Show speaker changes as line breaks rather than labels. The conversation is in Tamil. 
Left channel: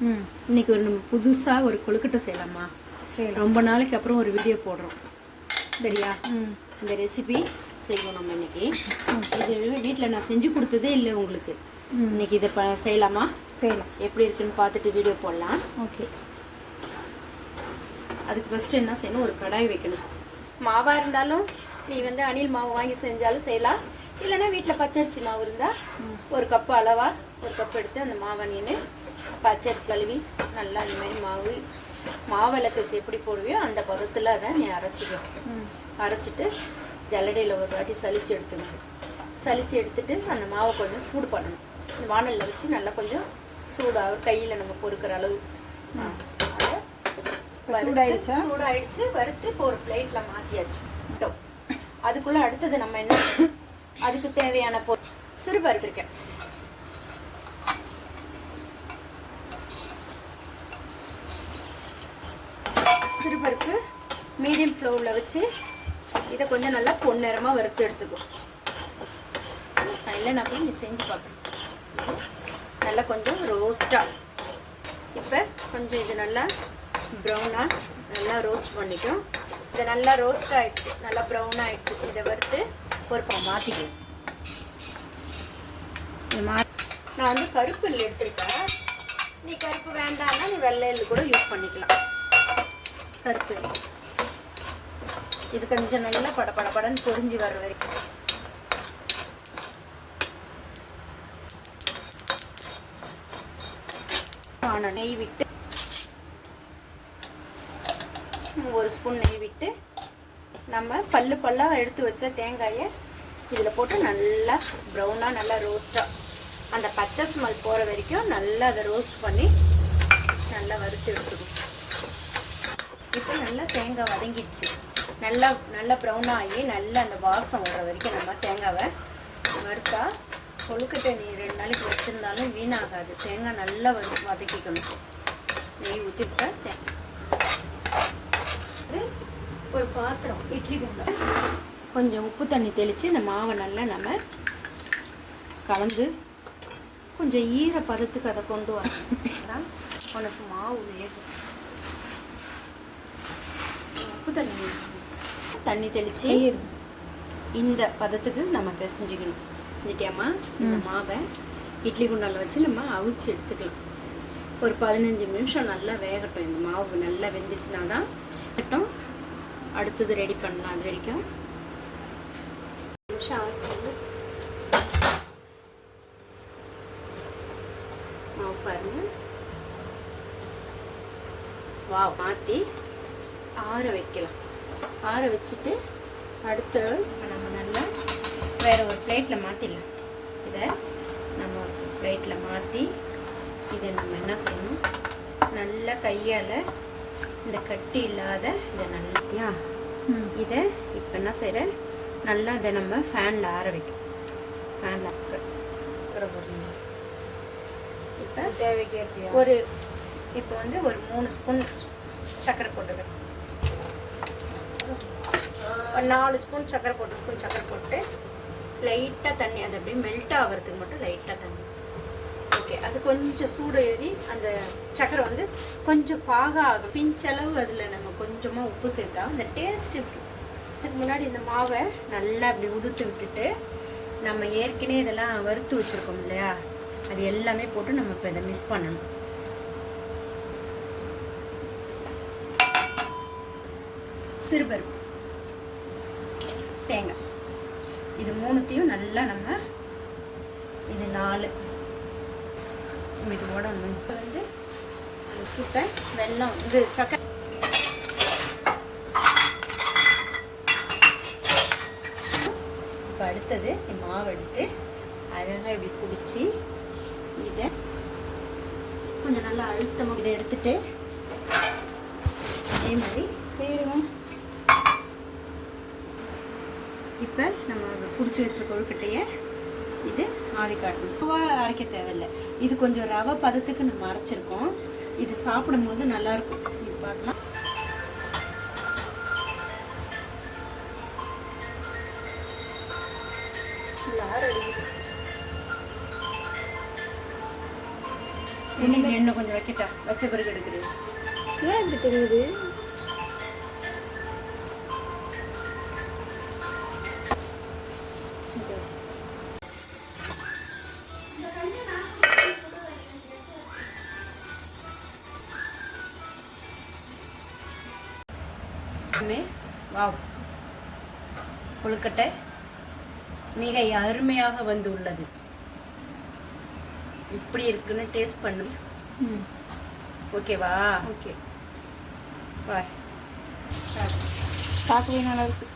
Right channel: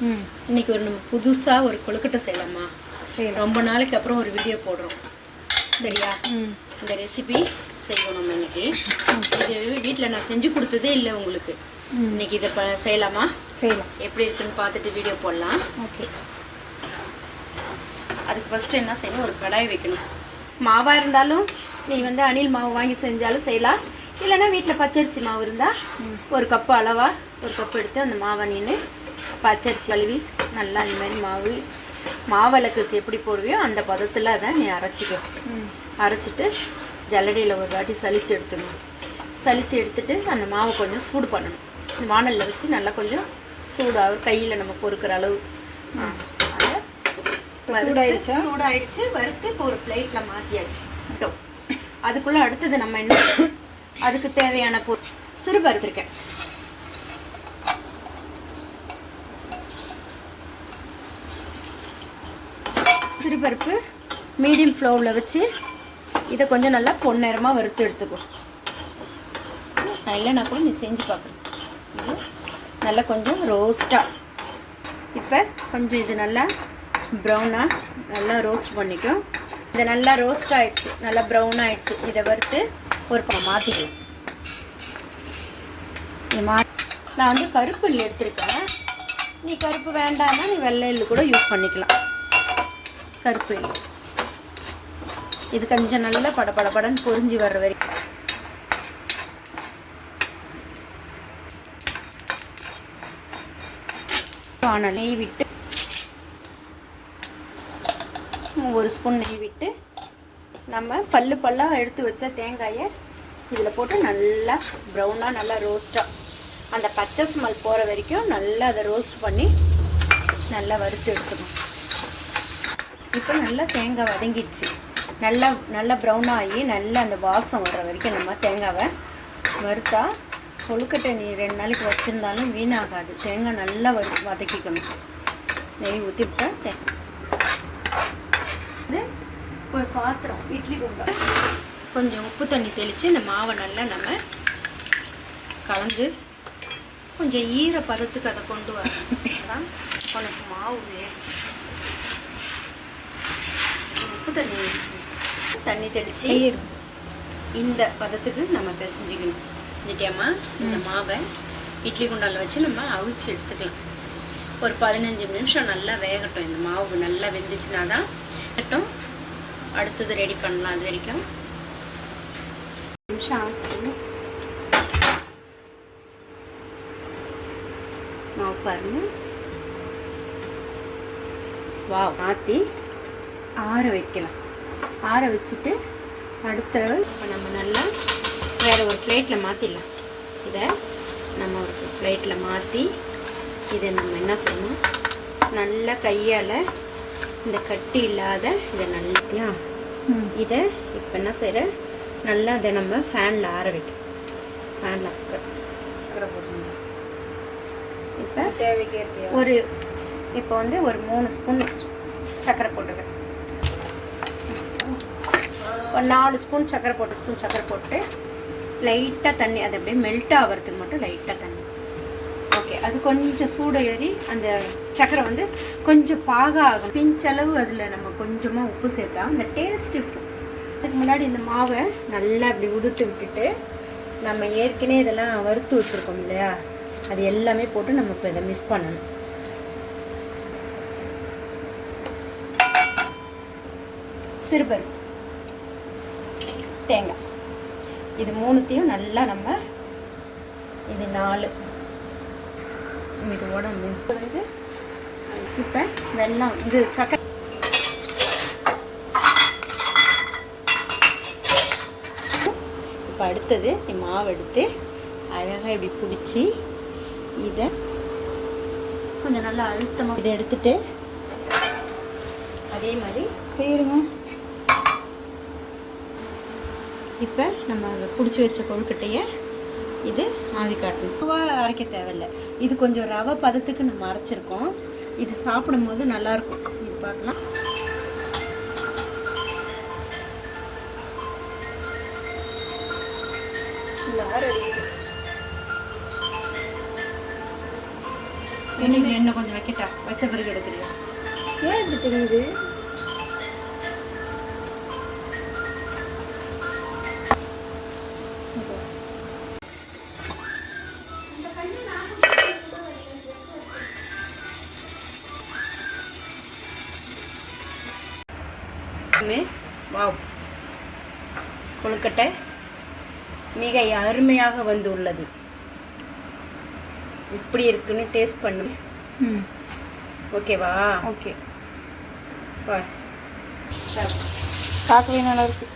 ம்.
இன்னைக்கு ஒரு நம்ம புதுசாக ஒரு கொழுக்கட்டை செய்யலாமா? ரொம்ப நாளைக்கு அப்புறம் ஒரு வீடியோ போடுறோம். சரியா?
ம்.
இந்த ரெசிபி செய்வோம் நம்ம இன்னைக்கு. இது வீட்டில் நான் செஞ்சு கொடுத்ததே இல்லை உங்களுக்கு. இன்னைக்கு இதை ப செய்யலாமா?
செய்யலாம்.
எப்படி இருக்குன்னு பார்த்துட்டு வீடியோ போடலாம்.
ஓகே.
அதுக்கு ஃபஸ்ட்டு என்ன செய்யணும்? ஒரு கடாய் வைக்கணும். மாவாக இருந்தாலும் நீ வந்து அணில் மாவு வாங்கி செஞ்சாலும் செய்யலாம். இல்லைன்னா வீட்டில் பச்சரிசி மாவு இருந்தால் ஒரு கப்பு அளவாக ஒரு கப்பு எடுத்து அந்த மாவை நீனு பச்சரிசி கழுவி நல்லா இந்த மாதிரி மாவு மாவிளக்குக்கு எப்படி போடுவியோ அந்த பதத்தில் அதை நீ அரைச்சிக்கோ. அரைச்சிட்டு ஜல்லடையில் ஒரு வாட்டி சலிச்சு எடுத்துக்கணும் சலிச்சு எடுத்துட்டு அந்த மாவை கொஞ்சம் சூடு பண்ணணும். வானலில் வச்சு நல்லா கொஞ்சம் சூடாக கையில் நம்ம பொறுக்கிற அளவு.
சூடாயிடுச்சா?
சூடாயிடுச்சு. வறுத்து இப்போ ஒரு பிளேட்ல மாத்தியாச்சு. இதோ. அதுக்குள்ள அடுத்தது நம்ம என்ன அதுக்கு தேவையான பொ சிறு வறுத்திருக்கேன் சிறுபருப்பு மீடியம் ஃப்ளோவில் வச்சு இதை கொஞ்சம் நல்லா பொன்னிறமாக வறுத்து எடுத்துக்கும் நான் இல்லைனா கூட நீ செஞ்சு பார்க்கணும் நல்லா கொஞ்சம் ரோஸ்ட்டாக இப்போ கொஞ்சம் இது நல்லா ப்ரௌனாக நல்லா ரோஸ்ட் பண்ணிக்கும் இது நல்லா ரோஸ்ட் ஆகிடுச்சு நல்லா ப்ரௌன் ஆகிடுச்சு இதை வறுத்து ஒரு பக்கம் மாற்றிக்கலாம்
இது மா
நான் வந்து கருப்பு எள்ளு எடுத்துருக்கேன். நீ கருப்பு வேண்டாம்னா நீ வெள்ளை கூட யூஸ் பண்ணிக்கலாம். கருப்பு இது கொஞ்சம் நல்லா பட பட படன்னு பொறிஞ்சு வர்ற வரைக்கும். வானல் நெய் விட்டு ஒரு ஸ்பூன் நெய் விட்டு நம்ம பல்லு பல்லாக எடுத்து வச்ச தேங்காயை இதில் போட்டு நல்லா ப்ரௌனாக நல்லா ரோஸ்ட்டாக அந்த பச்சை ஸ்மெல் போகிற வரைக்கும் நல்லா அதை ரோஸ்ட் பண்ணி நல்லா வறுத்து எடுத்துக்கணும். இப்போ நல்லா தேங்காய் வதங்கிடுச்சு. நல்லா நல்லா ப்ரௌன் ஆகி நல்லா அந்த வாசம் வர வரைக்கும் நம்ம தேங்காவை வறுத்தா கொழுக்கட்டை நீ ரெண்டு நாளைக்கு வச்சுருந்தாலும் வீணாகாது. தேங்காய் நல்லா வறு வதக்கிக்கணும். நெய் ஊற்றி தேங்காய் இது ஒரு பாத்திரம் இட்லி கும்பல் கொஞ்சம் உப்பு தண்ணி தெளித்து இந்த மாவை நல்லா நம்ம கலந்து கொஞ்சம் ஈர பருத்துக்கு அதை கொண்டு வரணும் தான் உனக்கு மாவு வேகும் உப்பு தண்ணி தண்ணி தெளித்து இந்த பதத்துக்கு நம்ம பிசைஞ்சிக்கணும். நிட்டியாம்மா இந்த மாவை இட்லி குண்டால வச்சு நம்ம அவிச்சு எடுத்துக்கலாம். ஒரு பதினஞ்சு நிமிஷம் நல்லா வேகட்டும். இந்த மாவு நல்லா வெந்துச்சுன்னா தான் வேகட்டும் அடுத்தது ரெடி பண்ணலாம் அது வரைக்கும். நிமிஷம் ஆச்சு. மாவு பாருங்க. வா மாற்றி ஆற வைக்கலாம். ஆற வச்சுட்டு அடுத்த இப்போ நம்ம நல்லா வேற ஒரு பிளேட்டில் மாற்றிடலாம் இதை நம்ம ஒரு பிளேட்டில் மாற்றி இதை நம்ம என்ன செய்யணும்? நல்லா கையால் இந்த கட்டி இல்லாத இதை நல்லா இதை இப்போ என்ன செய்கிற நல்லா அதை நம்ம ஃபேனில் ஆற வைக்கணும். ஃபேனில்
சக்கரை போட்டுருங்க
இப்போ
தேவைக்கு ஏற்பியா
ஒரு இப்போ வந்து ஒரு மூணு ஸ்பூன் சர்க்கரை போட்டுக்கிறேன் ஒரு நாலு ஸ்பூன் சக்கரை போட்டு ஸ்பூன் சக்கரை போட்டு லைட்டாக தண்ணி அது அப்படியே மெல்ட் ஆகிறதுக்கு மட்டும் லைட்டாக தண்ணி. ஓகே அது கொஞ்சம் சூடு ஏறி அந்த சக்கரை வந்து கொஞ்சம் பாக ஆகும் பிஞ்சளவு அதில் நம்ம கொஞ்சமாக உப்பு சேர்த்தா அந்த டேஸ்ட் இருக்கும் அதுக்கு முன்னாடி இந்த மாவை நல்லா அப்படி உதுத்து விட்டுட்டு நம்ம ஏற்கனவே இதெல்லாம் வறுத்து வச்சுருக்கோம் இல்லையா? அது எல்லாமே போட்டு நம்ம இப்போ இதை மிஸ் பண்ணணும். சிறுபருப்பு. தேங்காய். இது மூணுத்தையும் நல்லா நம்ம இது நாலு. இது உடம்பு. வந்து இப்போ இது சக்கரை. இப்போ அடுத்தது மாவு எடுத்து அழகாக இப்படி பிடிச்சி இதை கொஞ்சம் நல்லா அழுத்தமாக இதை எடுத்துட்டு அதே மாதிரி
போயிடுவோம்
இப்போ நம்ம பிடிச்சி வச்ச கொழுக்கட்டையை இது ஆவி காட்டணும். ரவா அரைக்க தேவையில்லை. இது கொஞ்சம் ரவை பதத்துக்கு நம்ம அரைச்சிருக்கோம். இது சாப்பிடும்போது நல்லா இருக்கும் இது பார்க்கலாம் இன்னும் கொஞ்சம் வைக்கட்டா? வச்ச பிறகு எடுக்கிறியா?
ஏன் இப்படி தெரியுது?
வாவ். கொழுக்கட்டை மிக அருமையாக வந்து உள்ளது. எப்படி இருக்குன்னு டேஸ்ட் பண்ணு. ஓகேவா
ஓகே
பார்.
பார்க்கவே நல்லா இருக்கு.